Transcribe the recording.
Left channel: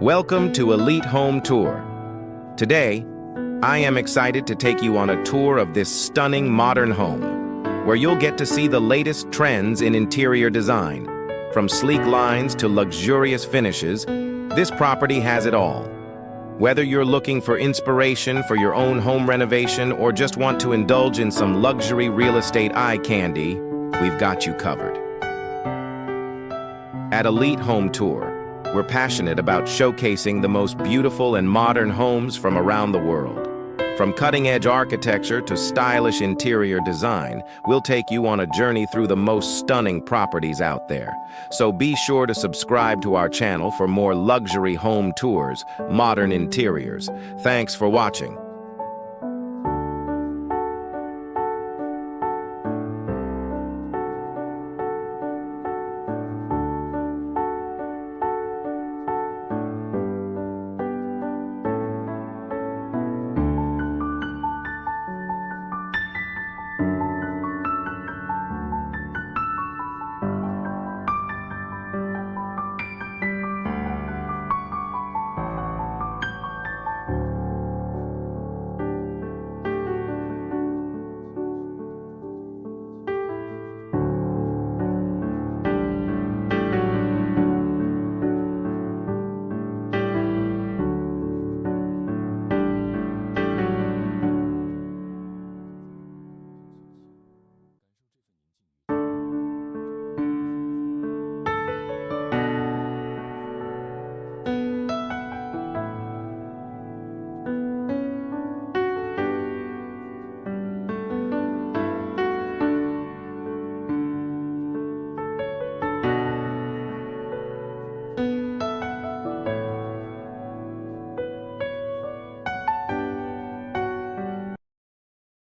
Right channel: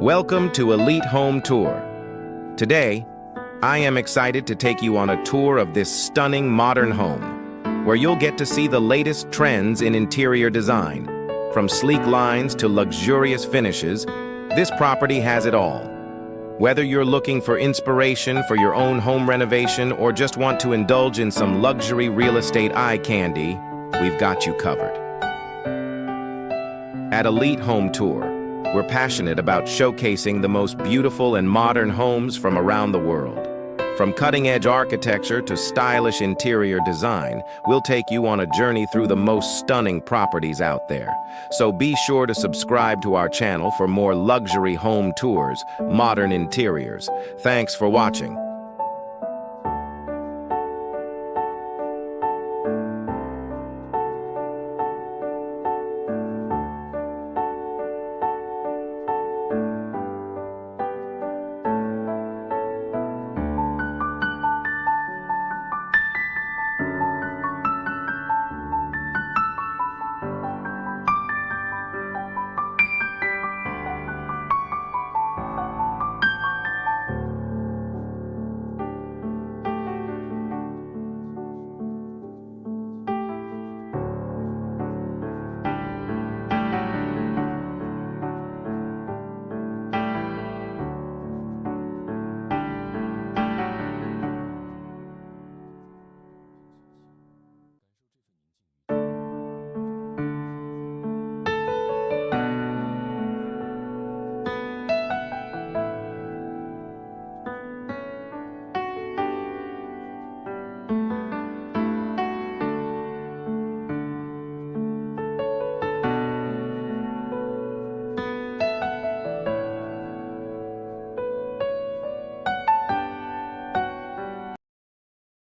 Welcome to Elite Home Tour. Today, I am excited to take you on a tour of this stunning modern home, where you'll get to see the latest trends in interior design. From sleek lines to luxurious finishes, this property has it all. Whether you're looking for inspiration for your own home renovation or just want to indulge in some luxury real estate eye candy, we've got you covered. At Elite Home Tour, we're passionate about showcasing the most beautiful and modern homes from around the world. From cutting-edge architecture to stylish interior design, we'll take you on a journey through the most stunning properties out there. So be sure to subscribe to our channel for more luxury home tours, modern interiors. Thanks for watching.